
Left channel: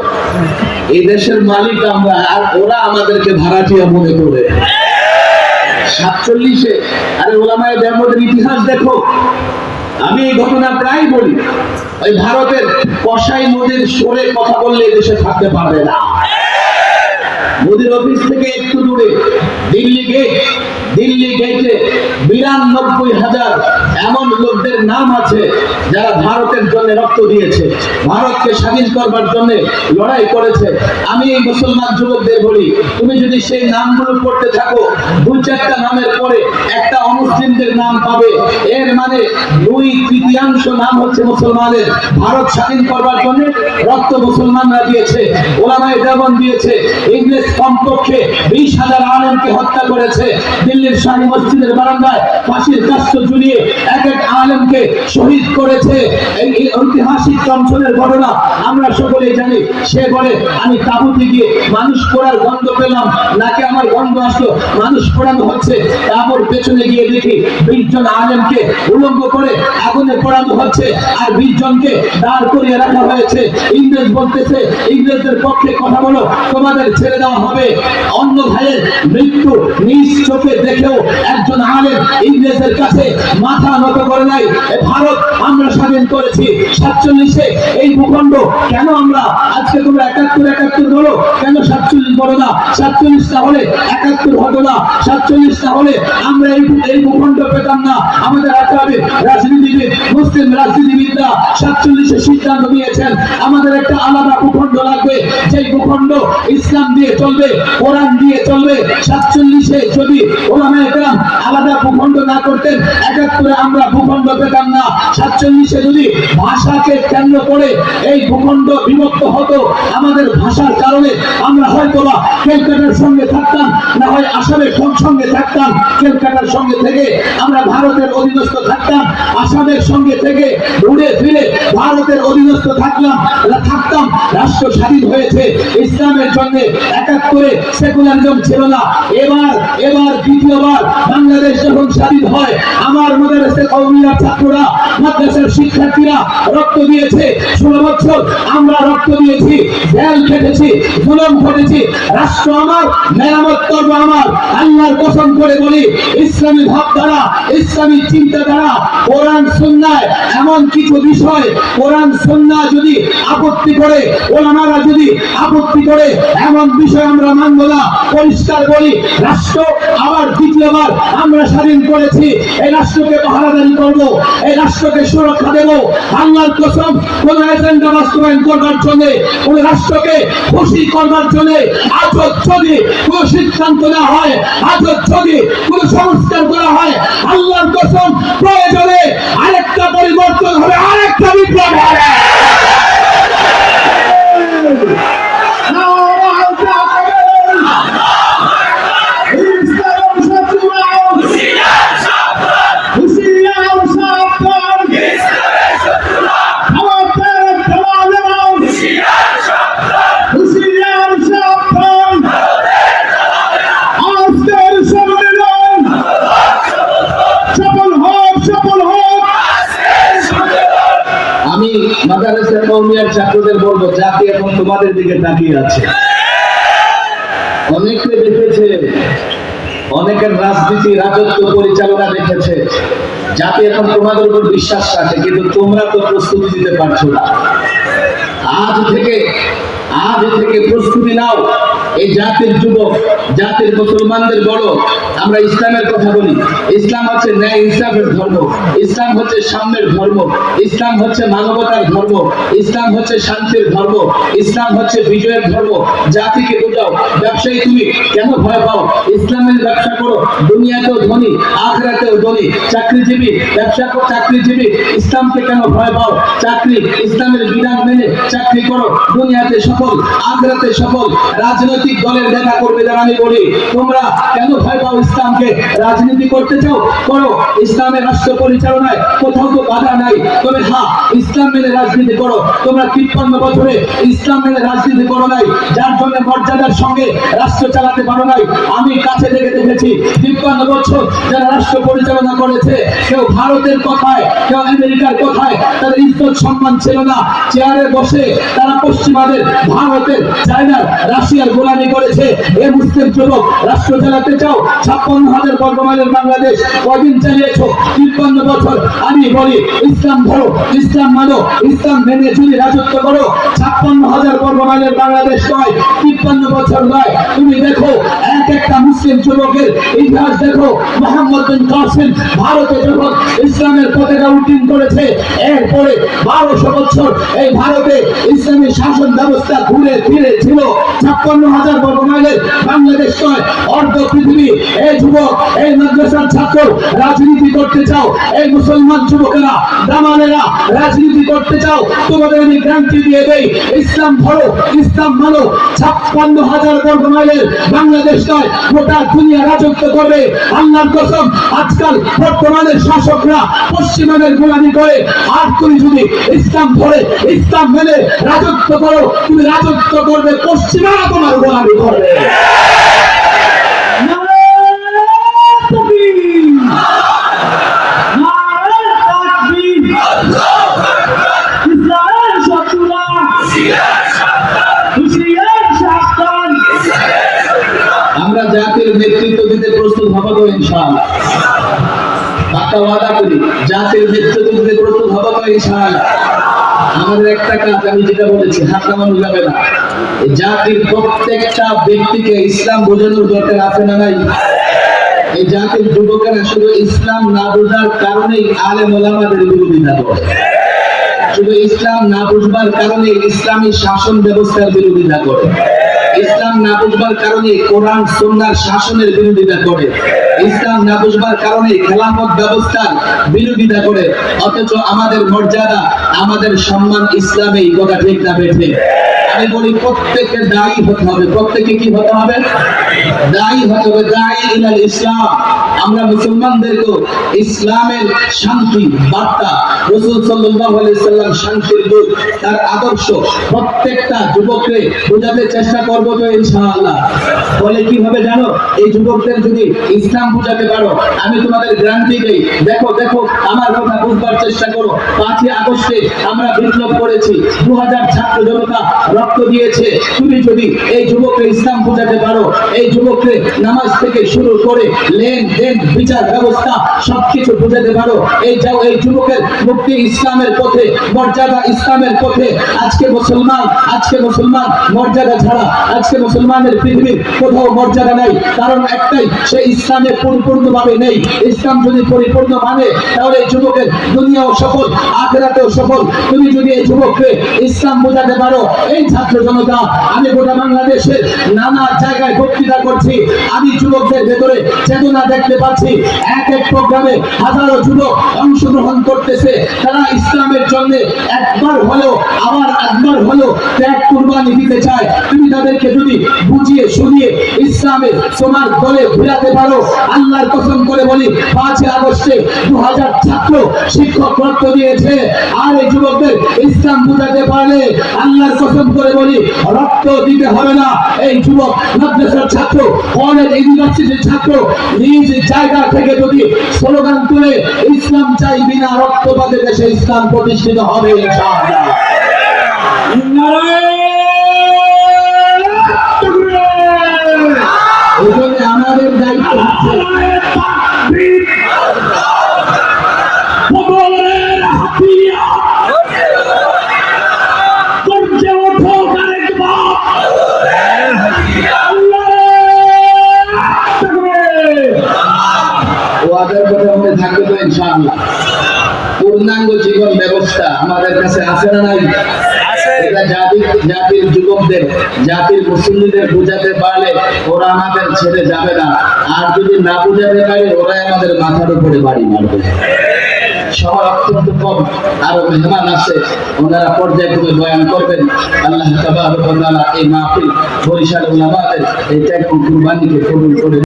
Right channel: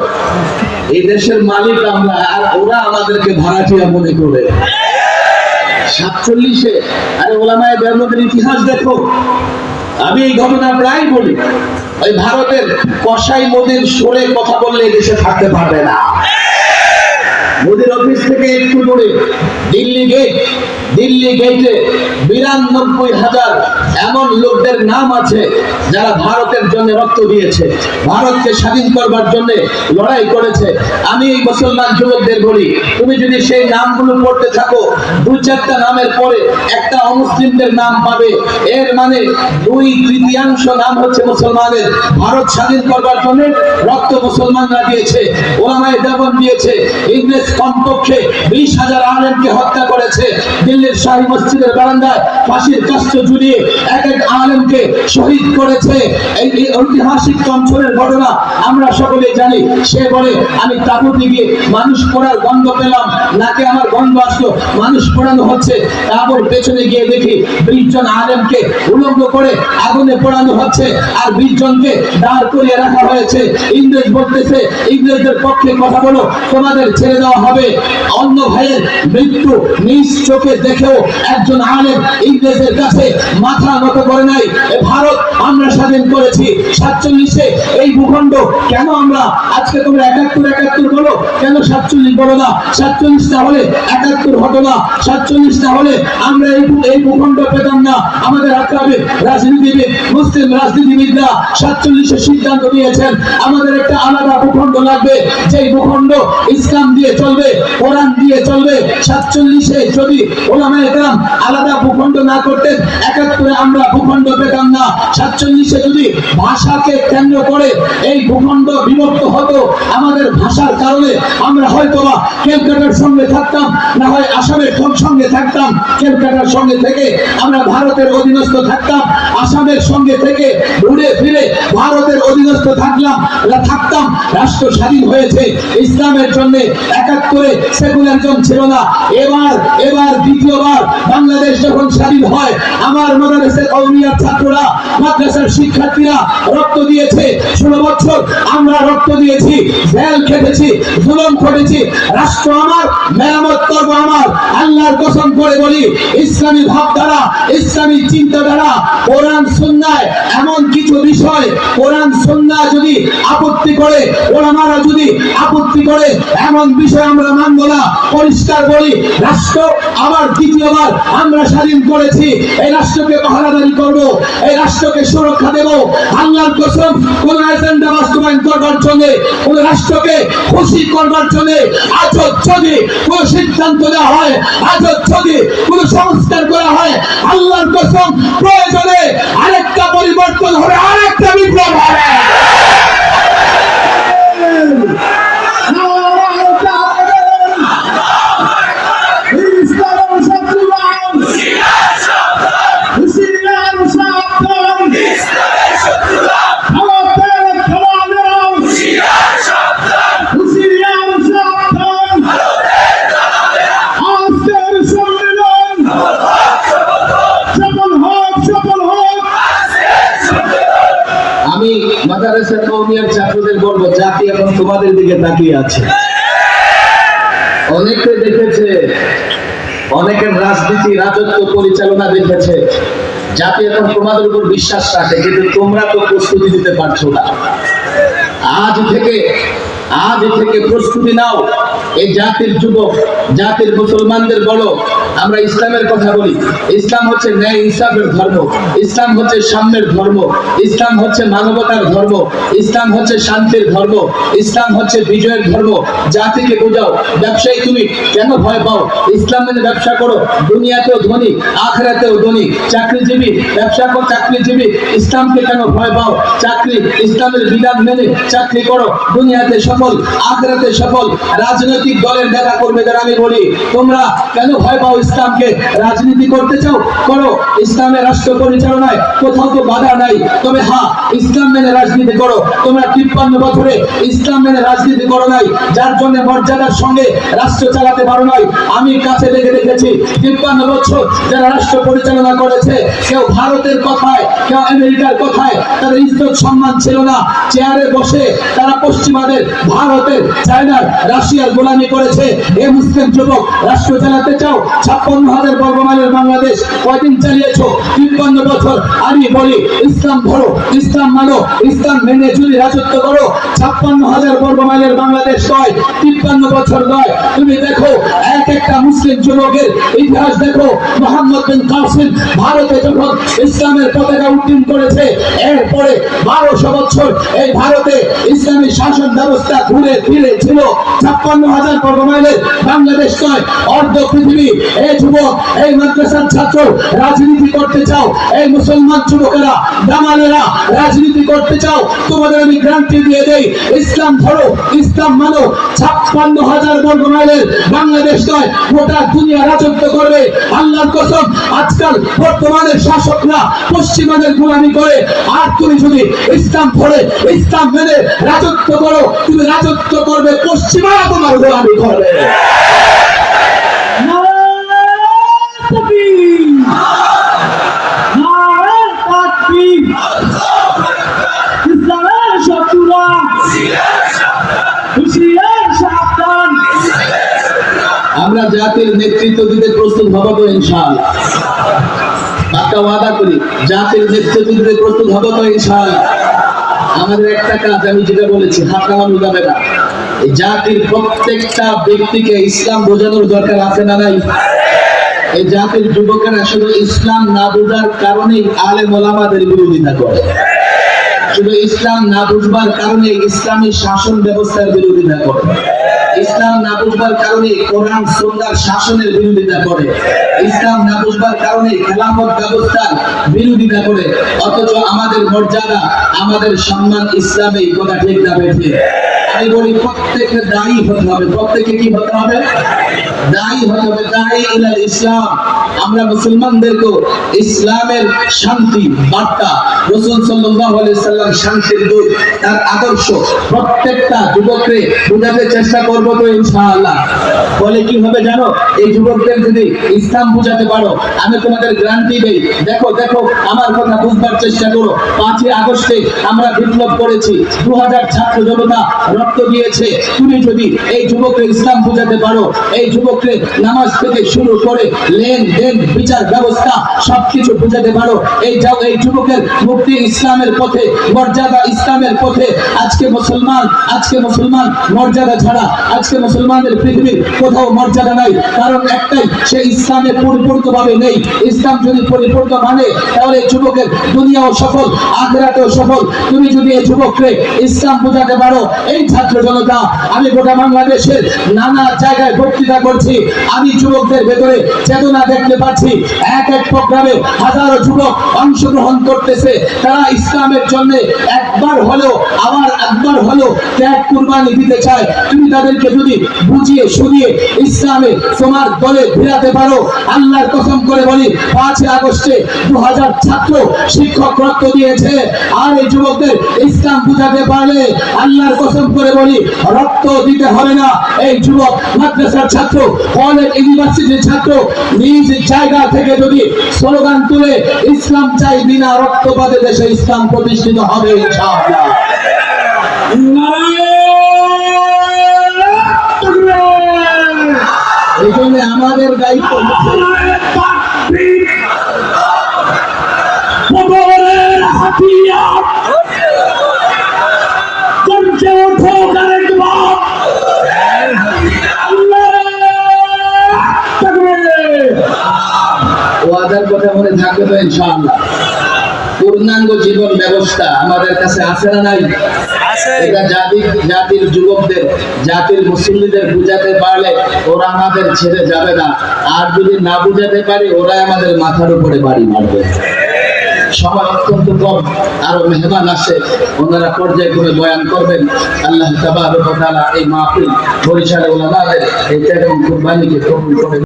এই দেশের মালিক আমরা, আর ওরা আমাদেরকে ভাড়াটিয়া মনে করে। 47-এ আরে ওলামায়ে দেওবন্দের ইতিহাস দেখো। আমি এই ঘটনা প্রায় বলি, ওই ভারতের কসাই মোদির সরে কথা বললে এই দেশে থাকতে পারবে না। মোদির অফিস থেকে একটু দূরে দিল্লি গেটে 92,000 এমন লোকদের নাম আছে যারা ভারতের জন্য রক্ত দিয়েছে, ভারতকে স্বাধীন করবার জন্য লড়াই করেছে। আমি এই মুসলমান যুবকদের বলি, তুমি যদি সেই নামগুলো পড়তে থাকো, 2-4টা নামের পরে একটা অমুসলিমদের নাম পাবে। এর মানে 2/3 নাম হচ্ছে মুসলমানের। ভারত স্বাধীন করবার জন্য রক্ত মুসলমানরা দিয়েছে, ওলামায়ে দেওবন্দ দিয়েছে। ইংরেজ কমপক্ষে 20,000 আলেমকে হত্যা করেছে। দিল্লির শাহী মসজিদের বারান্দায় ফাঁসির কাষ্ঠ ঝুলিয়ে এক এক আলেমকে শহীদ করেছে। এই ঐতিহাসিক চঞ্চলের ঘটনা আমরা সকলেই জানি। সে বলে, আমি তাঁবুতে গিয়ে মানুষ পোড়ার গন্ধ পেলাম, নাকি আমার গন্ধ আসলো, মানুষ পোড়ানো হচ্ছে। তারপর পেছনে গিয়ে দেখি 20 জন আলেমকে উলঙ্গ করে আগুনে পোড়ানো হচ্ছে, আর 20 জনকে দাঁড় করিয়ে রাখা হয়েছে। ইংরেজ বলতেছে, ইংরেজদের পক্ষে কথা বলো, তোমাদের ছেড়ে দেওয়া হবে। অন্য ভাইয়ের মৃত্যু নিজ চোখে দেখেও একজন আলেম ইংরেজের কাছে মাথা নত করে নাই। ভারত আমরা স্বাধীন করেছি 47-এ। এই ভূখণ্ড কেন আমরা আজকে তোমরা 71 বলো, কেন 47 বলো না? 47 না হলে 71 হতো না, 47 না হলে আমরা এই ভূখণ্ড পেতাম না। আমাদের আকাবে রাজনীতিবিদ, মুসলিম রাজনীতিবিদরা 47-এ সিদ্ধান্ত নিয়েছেন আমাদের একটা আলাদা ভূখণ্ড লাগবে, যেই ভূখণ্ড ইসলাম দিয়ে চলবে, কোরআন দিয়ে চলবে। 47-এ যদি ওলামায়ে কেরাম আলাদা ভূখণ্ড না করতেন, 71-এ আমরা ভূখণ্ড পেতাম না। 47-এ যদি ভাষাকে কেন্দ্র করে এই ভূখণ্ড বিভক্ত হতো, আমাদের ভাষার কারণে আমরা হয়তোবা ক্যালকাটার সঙ্গে থাকতাম, না হয় আসামের সঙ্গে থাকতাম। ক্যালকাটার সঙ্গে থেকে আমরা ভারতের অধীনস্থ থাকতাম, আসামের সঙ্গে থেকে ঘুরে ফিরে ভারতের অধীনস্থ থাকতাম। রাষ্ট্র স্বাধীন হয়েছে ইসলামের জন্য। 71-এ সেকুলারিজম ছিল না। এবার দ্বিতীয়বার বাংলাদেশ যখন স্বাধীন হয়, আমার মাদ্রাসা কওমিয়ার ছাত্ররা, মাদ্রাসার শিক্ষার্থীরা রক্ত দিয়েছে। 16 বছর আমরা রক্ত দিয়েছি, জেল খেটেছি, জুলুম করেছি। রাষ্ট্র আমার, মেরামত করব আমার। আল্লাহর কসম করে বলি, ইসলামী ভাবধারা, ইসলামী চিন্তাধারা, কোরআন সুন্নাহ এমন কিছু বিষয়, কোরআন সুন্নাহ যদি আপত্তি করে, ওলামারা যদি আপত্তি করে, এমন বিষয় আমরা মানব না। পরিষ্কার বলি, রাষ্ট্র আবার দ্বিতীয়বার আমরা স্বাধীন করেছি। এই রাষ্ট্রকে পাহারাদারি করব, এই রাষ্ট্রকে সুরক্ষা দেব। আল্লাহর কসম, কোন এজেন্ডা বাস্তবায়ন করবার জন্য, কোন রাষ্ট্রকে খুশি করবার জন্য আজ যদি কোন সিদ্ধান্ত নেওয়া হয়, আজ যদি কোন সংস্কার করা হয়, আল্লাহর কসম প্রয়োজনে আরেকটা পরিবর্তন হবে, আরেকটা বিপ্লব হবে। মাদ্রাসা কওমিয়ার ছাত্রদের বলবো, জাতি এখন তোমাদের দিকে তাকিয়ে আছে। অনেকে দেখেছে, অনেকের রাজনীতি, রাজত্ব পরিচালনা দেখেছে। জাতি এখন তোমাদের উপর বিশ্বাস রাখে, কিন্তু তোমরা তো প্রস্তুতি দিতে পারছো না। আজ থেকে প্রস্তুতি নাও। এই জাতির যুবক, জাতির মুসলমানদের বড়, আমরা ইসলামের কথা বলি। ইসলাম হচ্ছে ন্যায় ইনসাফের ধর্ম, ইসলাম হচ্ছে সাম্যের ধর্ম, ইসলাম হচ্ছে মানবতার ধর্ম, ইসলাম হচ্ছে শান্তির ধর্ম, ইসলাম হচ্ছে বিজয়ের ধর্ম। জাতিকে বোঝাও। ব্যবসায়ী তুমি কেন ভয় পাও? ইসলামের ব্যবসা করো, দুনিয়াতেও ধনী আখিরাতেও ধনী। চাকরিজীবী ব্যবসা করো, চাকরিজীবী ইসলামকে কেন ভয় পাও? চাকরি ইসলামের বিধান মেনে চাকরি করো, দুনিয়াতে সফল আখিরাতে সফল। রাজনৈতিক দলের নেতা কর্মীদের আমি বলি, তোমরা কেন ভয় পাও ইসলামকে? রাজনীতি করতে চাও, করো। ইসলামের রাষ্ট্র পরিচালনায় কোথাও তো বাধা নাই, তবে হ্যাঁ, ইসলাম মেনে রাজনীতি করো। তোমরা 53 বছরে ইসলাম মেনে রাজনীতি করো নাই, যার জন্য মর্যাদার সঙ্গে রাষ্ট্র চালাতে পারো নাই। আমি কাছে থেকে দেখেছি 53 বছর যারা রাষ্ট্র পরিচালনা করেছে, কেউ ভারতের কথায়, কেউ আমেরিকার কথায় তাদের ইজ্জত সম্মান ছিল না। চেয়ারে বসে তারা পশ্চিমাদের, ভারতের, চায়নার, রাশিয়ার গোলামি করেছে। এ মুসলিম যুবক রাষ্ট্র চালাতে চাও? 56,000 বর্গমাইলের বাংলাদেশ কয়দিন চালিয়েছো? 53 বছর। আমি বলি ইসলাম ধরো, ইসলাম মানো, ইসলাম মেনে যদি রাজত্ব করো, 56,000 বর্গমাইলের বাংলাদেশ নয়, 53 বছর নয়। তুমি দেখো এক একটা মুসলিম যুবকের ইতিহাস দেখো। মোহাম্মদ বিন কাসিম ভারতে যখন ইসলামের পতাকা উড্ডীন করেছে, এরপরে 1200 বছর এই ভারতে ইসলামী শাসন ব্যবস্থা ঘুরে ফিরে ছিল। 56,000 বর্গমাইলের বাংলাদেশ নয়, অর্ধ পৃথিবী। এই যুবক, এই মাদ্রাসার ছাত্র রাজনীতি করতে চাও? এই মুসলমান যুবকেরা, দামালেরা রাজনীতি করতে চাও? তোমাদের আমি গ্যারান্টি দিয়ে দেই, ইসলাম ধরো, ইসলাম মানো, 56,000 বর্গমাইলের বাংলাদেশ নয়, গোটা দুনিয়া রাজত্ব করবে। আল্লাহর কসম, আজকাল বর্তমানের শাসকরা পশ্চিমাদের গোলামি করে, আর তুমি যদি ইসলাম ধরে, ইসলাম মেনে রাজত্ব করো, তুমি রাজত্ব করবে, পশ্চিমারা তোমার গোলামি করবে। আমরা জাতির নেতৃত্ব দিতে প্রস্তুত হব তো ইনশাআল্লাহ। পাক্কা ওয়াদা করি, জাতির নেতৃত্ব দিতে প্রস্তুত হব তো ইনশাআল্লাহ। আমাদের একটা কাজ, আমি যেটা বলেছি, হাত নামানো যাবে না। এই জাতির প্রত্যেকটা ব্যক্তিকে ইসলাম বোঝানোর দরকার আছে না নাই? এই জাতির যুবকেরা শুধু ইসলাম না বোঝার কারণেই আলেম ওলামাদের বিরোধিতা করে, শুধু ইসলাম না বুঝবার কারণে ইসলামী শাসন ব্যবস্থার বিরোধিতা করে, ইসলাম না বুঝবার কারণে কোরআন সুন্নাহর শাসনের বিরোধিতা করে, ইসলাম না বুঝবার কারণে খেলাফত ব্যবস্থার বিরোধিতা করে। অথচ আমাদের মর্যাদা, আমাদের সম্মান ইসলামেই, কথা ঠিক না বেঠে? আমি বলি প্রত্যেকে দায়ী হতে হবে। প্রত্যেকে কি হতে হবে? দায়ী হতে হবে, দায়ী ইলাল ইসলাম। আমরা মুসলমানদেরকে ইসলামের শান্তি বার্তা, রাসূল সাল্লাল্লাহু আলাইহি সাল্লাম শান্তির দূত, তার আদর্শ প্রত্যেকটা যুবককে বোঝাতে চেষ্টা করব তো ইনশাআল্লাহ। বলে কি হবে জানো? এই যুবকদের যদি ইসলাম বোঝাতে পারো, আমি তোমাদের গ্যারান্টি দেই, দেখো দেখো আমার কথা বুঝবার চেষ্টা করো। 5ই আগস্টে আমরা বিপ্লব করেছি, 2000 ছাত্র জনতা রক্ত দিয়েছে। তুমি যদি এই যুবককে ইসলাম বোঝাতে পারো, এই যুবককে নামাজ থেকে শুরু করে লেনদেন, বিচার ব্যবস্থা সবকিছু বোঝাতে পারো, এই যাও এই যুবকের মুক্তি ইসলামের পথে, মর্যাদা ইসলামের পথে। আজকে মুসলমান মর্যাদা ছাড়া আজকে মুসলমানের পৃথিবীর কোথাও মর্যাদা নাই। কারণ একটাই, সে ইসলামে পরিপূর্ণভাবে নেই। ইসলাম যদি পরিপূর্ণ মানে, তাহলে এই যুবকের দুনিয়াও সফল, আখিরাতেও সফল। তুমি যদি এই যুবককে ইসলাম বোঝাতে পারো, এই ছাত্র জনতা, আমি গোটা বাংলাদেশের নানা জায়গায় বক্তৃতা করছি, আমি যুবকদের ভেতরে চেতনা দেখতে পাচ্ছি। এক এক প্রোগ্রামে হাজারো যুবক অংশগ্রহণ করতেছে। তারা ইসলামের জন্য একবার হলেও, আবার একবার হলেও ত্যাগ কুরবানি দিতে চায়। তুমি তাদেরকে যদি বুঝিয়ে শুনিয়ে ইসলামে তোমার দলে ঘুরাতে পারো, আল্লাহর কসম করে বলি, 5ই আগস্টে 2000 ছাত্র শিক্ষক রক্ত দিয়েছে। আর এই যুবকদের ইসলাম বুঝাতে পারলে, আল্লাহর কসম করে বলি, রক্ত দিতে হবে না। এই যুবক মাদ্রাসার ছাত্র, কলেজ ইউনিভার্সিটির ছাত্র নিজ জায়গা থেকে যদি স্লোগান তুলে ইসলাম চাই, বিনা রক্তপাতে দেশে ইসলাম প্রতিষ্ঠিত হবে ইনশাআল্লাহ। এই জন্য আমাদের দায়িত্ব হচ্ছে জীবন ব্যবস্থা আমাদের কাছে আছে না নাই? এটা জাতির যুবকদের, জাতির মুসলিমদের বুঝাতে পারলে ওরা আমাদের ছেড়ে যাবে না, আর যদি না বুঝাতে পারি ওরা আমাদের মাথার উপরে বাড়ি মারবে। সময় অত্যন্ত কম, আরো মেহমান আছে, ওনারা পর্যায়ক্রমে বয়ান করবেন। আল্লাহ তাবারক ওয়া তাআলা এই মাহফিল বরিশাল উলামাদের এই ত্যাগ ও কুরবানিকে কবুল করে